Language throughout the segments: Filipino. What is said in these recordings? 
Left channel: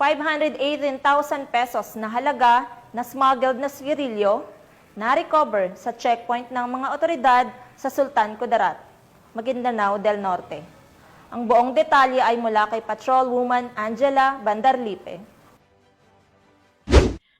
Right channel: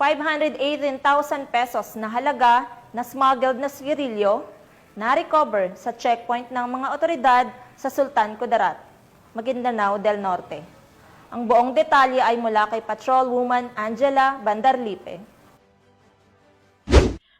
518,000 pesos na halaga na smuggled na sigarilyo na-recover sa checkpoint ng mga otoridad sa Sultan Kudarat, Maguindanao del Norte. Ang buong detalye ay mula kay Patrolwoman Angela Bandarlipe.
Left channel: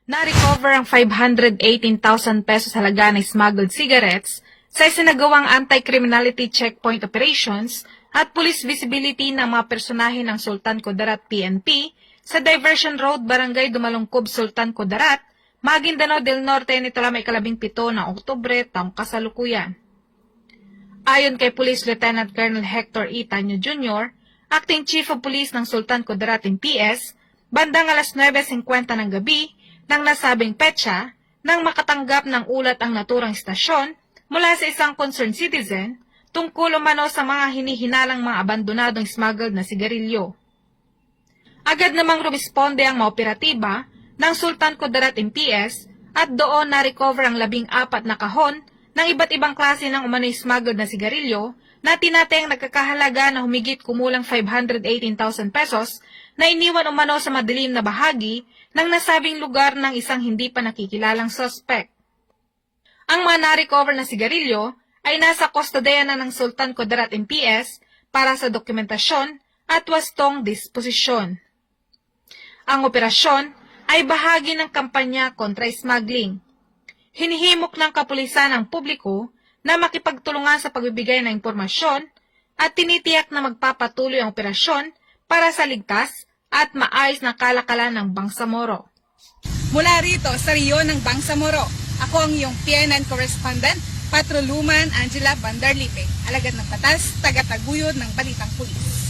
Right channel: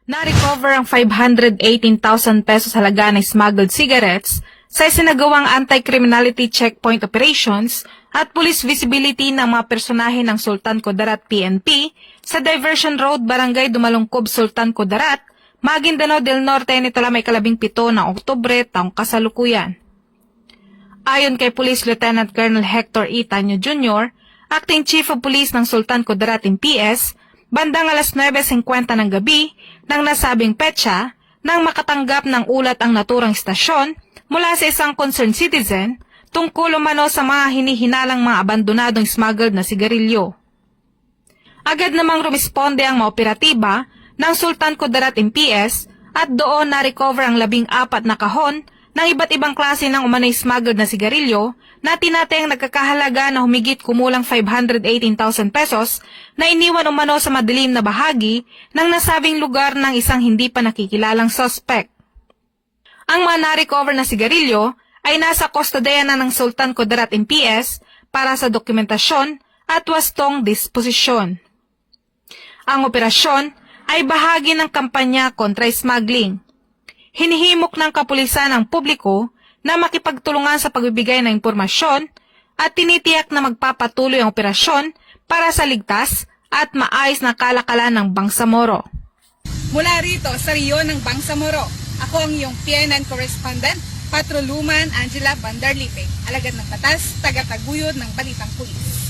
Na-recover ang 518,000 pesos halaga ng smuggled cigarettes sa isinagawang anti-criminality checkpoint operations at police visibility ng mga personahe ng Sultan Kudarat PNP sa Diversion Road, Barangay Dumalungkob, Sultan Kudarat, Maguindanao del Norte nito lamang 17 ng Oktubre taong kasalukuyan. Ayon kay Police Lieutenant Colonel Hector E. Tanyo Jr., Acting Chief of Police ng Sultan Kudarat MPS, bandang alas 9:50 ng gabi ng nasabing petsa nang makatanggap ng ulat ang naturang istasyon mula sa isang concerned citizen tungkol umano sa mga hinihinalang mga abandonadong smuggled na sigarilyo. Agad namang rumisponde ang mga operatiba ng Sultan Kudarat MPS at doon na-recover ang 14 na kahon ng iba't ibang klase ng umano'y smuggled na sigarilyo na tinatayang nagkakahalaga na humigit kumulang 518,000 pesos na iniwan umano sa madilim na bahagi ng nasabing lugar ng isang hindi pa nakikilalang suspect. Ang mga na-recover na sigarilyo ay nasa kustodiya na ng Sultan Kudarat MPS para sa dokumentasyon at wastong disposisyon. Ang operasyon ay bahagi ng kampanya kontra smuggling. Hinihimok ng kapulisan ang publiko na makipagtulungan sa pagbibigay ng impormasyon at tinitiyak na magpapatuloy ang operasyon para sa ligtas at maayos na kalakalan ng Bangsamoro. Mula rito sa Riyon ng Bangsamoro, ako ang iyong PNN correspondent, Patrolwoman Angela Bandarlipe, alagad ng batas, tagataguyod ng Balitang Pulis.